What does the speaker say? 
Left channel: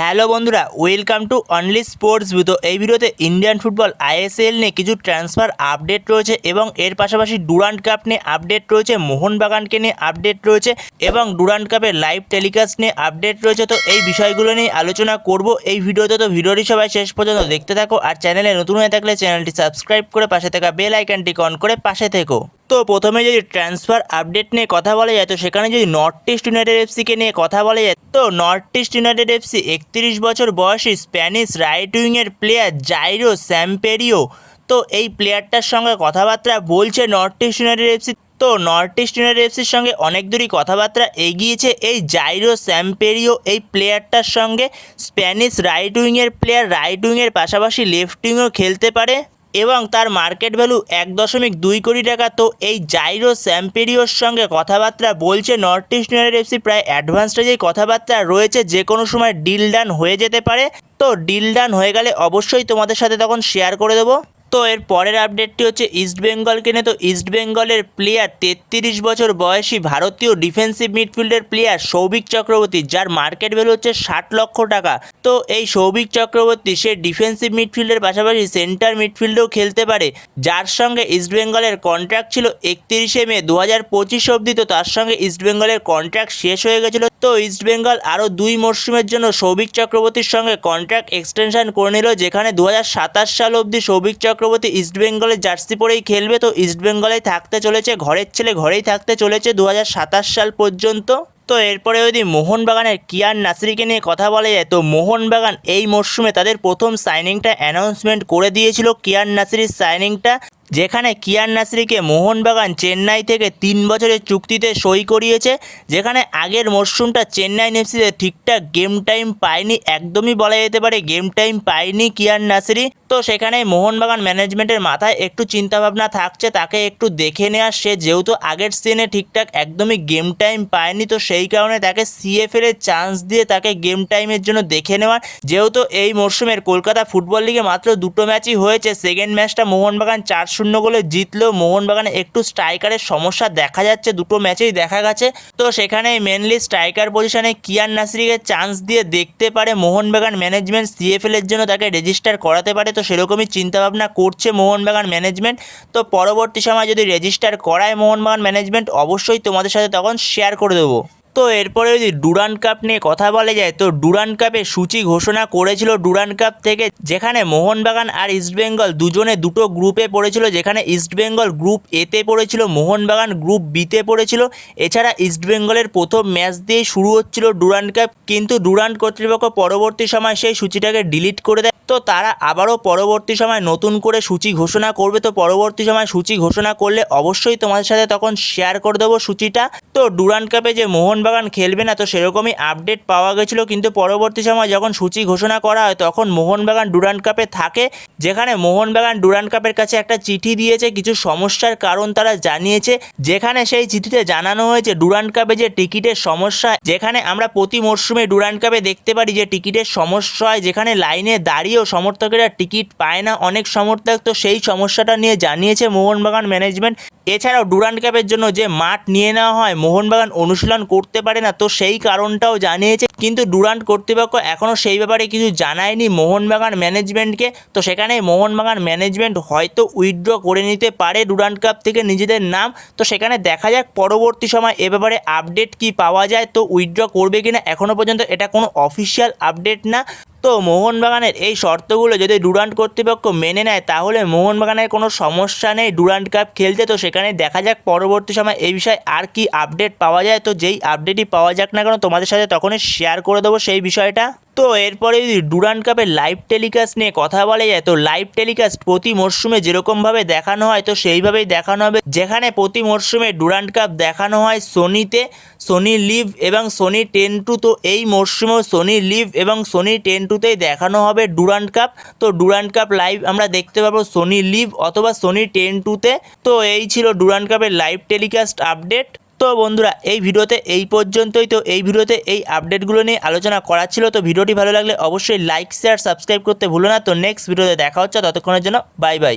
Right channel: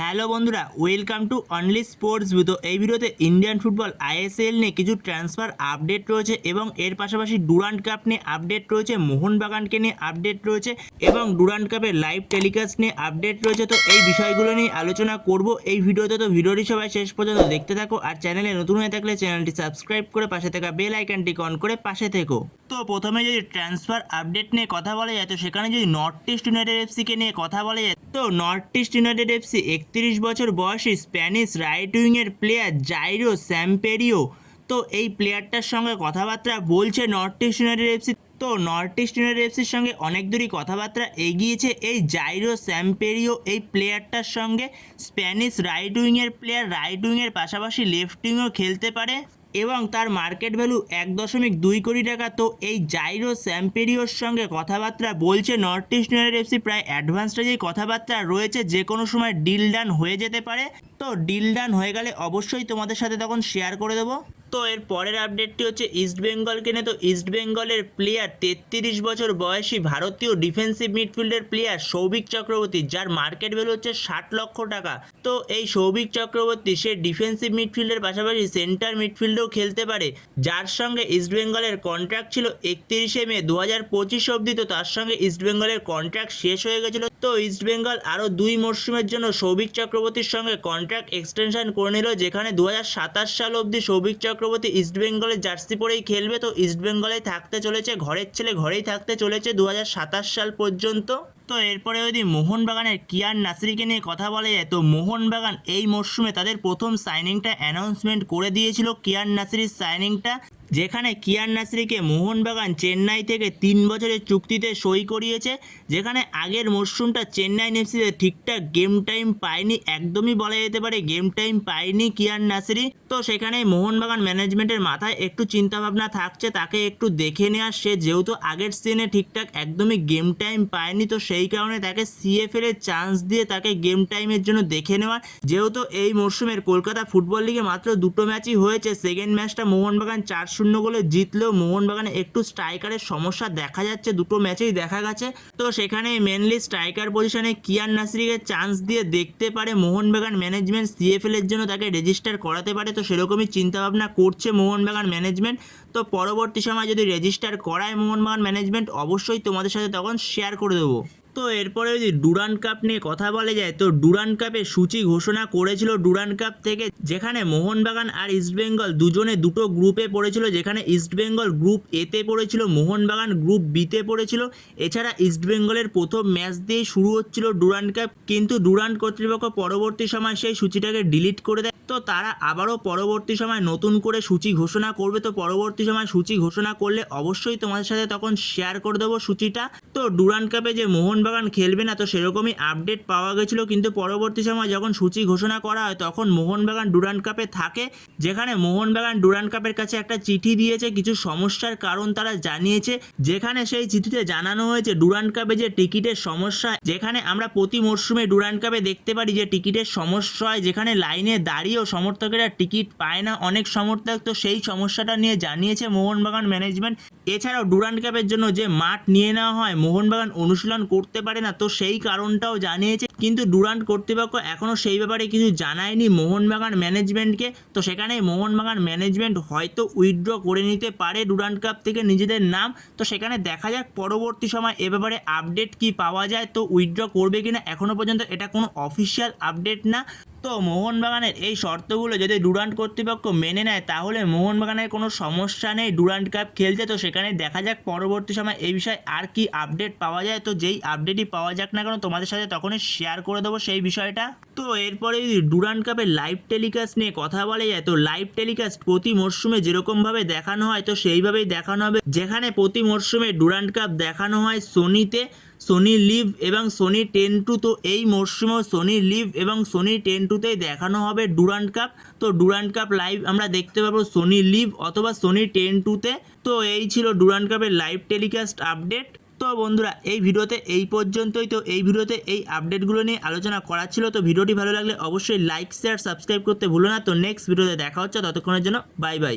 Hello বন্ধুরা, welcome to only sports view. তো এই ভিডিওতে ইন্ডিয়ান ফুটবল আইএসএল নিয়ে কিছু ট্রান্সফার আপডেট রয়েছে এবং এর পাশাপাশি ডুরান্ড কাপ নিয়ে আপডেট রয়েছে, মোহনবাগানকে নিয়ে আপডেট রয়েছে এবং ডুরান্ড কাপের লাইভ টেলিকাস্ট নিয়ে আপডেট রয়েছে। তো এই বিষয়গুলো নিয়ে আলোচনা করব এই ভিডিওতে। তো ভিডিওটি সবাই শেষ পর্যন্ত দেখতে থাকো, আর চ্যানেলে নতুন হয়ে থাকলে চ্যানেলটি সাবস্ক্রাইব করে পাশে থাকা বেল আইকনটি অন করে পাশে থেকো। তো প্রথমে যদি ট্রান্সফার আপডেট নিয়ে কথা বলা যায়, তো সেখানে যদি নর্থ ইস্ট ইউনাইটেড এফসিকে নিয়ে কথা বলা যায়, তো নর্থ ইস্ট ইউনাইটেড এফসি 31 বছর বয়সী স্প্যানিশ রাইট উইংয়ের প্লেয়ার জাইরো স্যাম্পেরিও, তো এই প্লেয়ারটার সঙ্গে কথাবার্তা বলছে নর্থ ইস্ট ইউনাইটেড এফসি। তো নর্থ ইস্ট ইউনাইটেড এফসির সঙ্গে অনেক দূরই কথাবার্তা এগিয়েছে এই জাইরো স্যাম্পেরিও এই প্লেয়ারটার সঙ্গে। স্প্যানিশ রাইট উইংয়ের প্লেয়ার, রাইট উইংয়ের পাশাপাশি লেফট উইংও খেলতে পারে এবং তার মার্কেট ভ্যালু 1.2 কোটি টাকা। তো এই জাইরো স্যাম্পেরিওর সঙ্গে কথাবার্তা বলছে নর্থ ইস্ট ইউনাইটেড এফসি, প্রায় অ্যাডভান্স স্টেজেই কথাবার্তা রয়েছে, যে কোনো সময় ডিল ডান হয়ে যেতে পারে। তো ডিল ডান হয়ে গেলে অবশ্যই তোমাদের সাথে তখন শেয়ার করে দেবো। তো এর পরের আপডেটটি হচ্ছে ইস্টবেঙ্গলকে নিয়ে। তো ইস্টবেঙ্গলের প্লেয়ার 33 বছর বয়সী ভারতীয় ডিফেন্সিভ মিডফিল্ডের প্লেয়ার সৌভিক চক্রবর্তী, যার মার্কেট ভ্যালু হচ্ছে 60 লক্ষ টাকা। তো এই সৌভিক চক্রবর্তী সে ডিফেন্সিভ মিডফিল্ডের পাশাপাশি সেন্টার মিডফিল্ডেও খেলতে পারে, যার সঙ্গে ইস্টবেঙ্গলের কন্ট্রাক্ট ছিল 31শে মে 2025 অবধি। তো তার সঙ্গে ইস্টবেঙ্গলের কন্ট্রাক্ট শেষ হয়ে গেছিলো। তো ইস্টবেঙ্গল আরও 2 মরশুমের জন্য সৌভিক চক্রবর্তীর সঙ্গে কন্ট্রাক্ট এক্সটেনশন করে নিল, যেখানে 2027 সাল অবধি সৌভিক চক্রবর্তী ইস্টবেঙ্গলের জার্সি পরেই খেলবে। তো ইস্টবেঙ্গলেই থাকতে চলেছে, ঘরের ছেলে ঘরেই থাকতে চলেছে 2027 সাল পর্যন্ত। তো এরপরে যদি মোহনবাগানের কিয়ান নাসিরিকে নিয়ে কথা বলা যায়, তো মোহনবাগান এই মরশুমে তাদের প্রথম সাইনিংটা অ্যানাউন্সমেন্ট করে দিয়েছিল, কিয়ান নাসিরির সাইনিংটা, যেখানে কিয়ান নাসিরিকে মোহনবাগান চেন্নাই থেকে 3 বছরের চুক্তিতে সই করিয়েছে। যেখানে আগের মরশুমটা চেন্নাই এফসিতে ঠিকঠাক গেম টাইম পায়নি, একদমই বলা যেতে পারে গেম টাইম পায়নি কিয়ান নাসিরি। তো সেখানে মোহনবাগান ম্যানেজমেন্টের মাথায় একটু চিন্তাভাবনা থাকছে তাকে একটু দেখে নেওয়ার, সে যেহেতু আগের সিজনে ঠিকঠাক একদমই গেম টাইম পায়নি, তো সেই কারণে তাকে সিএফএল এর চান্স দিয়ে তাকে গেম টাইমের জন্য দেখে নেওয়ার। যেহেতু এই মরশুমের কলকাতা ফুটবল লিগে মাত্র 2টো ম্যাচই হয়েছে, সেকেন্ড ম্যাচটা মোহনবাগান 4-0 গোলে জিতলেও মোহনবাগানে একটু স্ট্রাইকারের সমস্যা দেখা যাচ্ছে, 2টো ম্যাচেই দেখা গেছে। তো সেখানে মেনলি স্ট্রাইকার পজিশনে কিয়ান নাসিরিকে চান্স দিয়ে দেখতে পারে মোহনবাগান ম্যানেজমেন্ট, সিএফএল এর জন্য তাকে রেজিস্টার করাতে পারে। তো সেরকমই চিন্তাভাবনা করছে মোহনবাগান ম্যানেজমেন্ট। তো পরবর্তী সময় যদি রেজিস্টার করায় মোহনবাগান ম্যানেজমেন্ট, অবশ্যই তোমাদের সাথে তখন শেয়ার করে দেবো। তো এরপরে যদি ডুরান্ড কাপ নিয়ে কথা বলা যায়, তো ডুরান্ড কাপে সূচি ঘোষণা করেছিল ডুরান্ড কাপ থেকে, যেখানে মোহনবাগান আর ইস্টবেঙ্গল দুজনে দুটো গ্রুপে পড়েছিল, যেখানে ইস্টবেঙ্গল গ্রুপ এতে পড়েছিল, মোহনবাগান গ্রুপ বিতে পড়েছিল। এছাড়া ইস্টবেঙ্গলের প্রথম ম্যাচ দিয়েই শুরু হচ্ছিল ডুরান্ড কাপ, কিন্তু ডুরান্ড কর্তৃপক্ষ পরবর্তী সময় সেই সূচিটাকে ডিলিট করে দেয়। তো তারা আবারও পরবর্তী সময় নতুন করে সূচি ঘোষণা করবে। তো পরবর্তী সময় সূচি ঘোষণা করলে অবশ্যই তোমাদের সাথে তখন শেয়ার করে দেবো সূচিটা। তো ডুরান্ড কাপে যে মোহনবাগান খেলবে না, তো সেরকমই আপডেট পাওয়া গেছিলো, কিন্তু পরবর্তী সময় যখন সূচি ঘোষণা করা হয় তখন মোহনবাগান ডুরান্ড কাপে থাকে। যেখানে মোহনবাগান ডুরান্ড কাপের কাছে একটা চিঠি দিয়েছে, কিছু সমস্যার কারণ তারা জানিয়েছে, যেখানে সেই চিঠিতে জানানো হয়েছে ডুরান্ড কাপে যে টিকিটের সমস্যা, যেখানে আমরা প্রতি মরশুমে ডুরান্ড কাপে দেখতে পারি যে টিকিটের সমস্যা হয়, যেখানে লাইনে দাঁড়িয়েও সমর্থকেরা টিকিট পায় না অনেক সমর্থক। তো সেই সমস্যাটা নিয়ে জানিয়েছে মোহনবাগান ম্যানেজমেন্ট। এছাড়াও ডুরান্ড কাপের জন্য যে মাঠ নিয়ে নেওয়া হয়, মোহনবাগান অনুশীলন করতে পারে না, তো সেই কারণটাও জানিয়েছে, কিন্তু ডুরান্ড কর্তৃপক্ষ এখনও সেই ব্যাপারে কিছু জানায়নি মোহনবাগান ম্যানেজমেন্টকে। তো সেখানে মোহনবাগান ম্যানেজমেন্ট হয়তো উইথড্র করে নিতে পারে ডুরান্ড কাপ থেকে নিজেদের নাম। তো সেখানে দেখা যাক পরবর্তী সময় এ ব্যাপারে আপডেট কি পাওয়া যায়, তো উইথড্র করবে কিনা। এখনও পর্যন্ত এটা কোনো অফিসিয়াল আপডেট না। তো মোহনবাগানের এই শর্তগুলো যদি ডুরান্ড কর্তৃপক্ষ মেনে নেয়, তাহলে মোহনবাগানের কোনো সমস্যা নেই ডুরান্ড কাপ খেলতে। তো সেখানে দেখা যাক পরবর্তী সময় এই বিষয়ে আর কি আপডেট পাওয়া যায়। তো যেই আপডেটই পাওয়া যাক না কেন, তোমাদের সাথে তখনই শেয়ার করে দেবো সেই বিষয়টা। তো এরপরে যদি ডুরান্ড কাপের লাইভ টেলিকাস্ট নিয়ে কথা বলা যায়, তো লাইভ টেলিকাস্ট প্রতি মরশুমে যেরকমভাবে দেখানো হয়, তো সেইভাবেই দেখানো হবে। যেখানে প্রতি মরশুমে ডুরান্ড কাপ দেখানো হয় সোনিতে, সোনি লিভ এবং সোনি 10-2। তো এই মরশুমেও সোনি লিভ এবং সোনি 10-2তেই দেখানো হবে ডুরান্ড কাপ। তো ডুরান্ড কাপ লাইভ আমরা দেখতে পাবো সোনি লিভ অথবা সোনি 10-2তে। তো এই ছিল ডুরান্ড কাপের লাইভ টেলিকাস্ট আপডেট। তো বন্ধুরা এই ভিডিওতে এই পর্যন্তই। তো এই ভিডিওতে এই আপডেটগুলো নিয়ে আলোচনা করা ছিল। তো ভিডিওটি ভালো লাগলে অবশ্যই লাইক শেয়ার সাবস্ক্রাইব করতে ভুলো না। তো নেক্সট ভিডিওতে দেখা হচ্ছে, ততক্ষণের জন্য বাই বাই।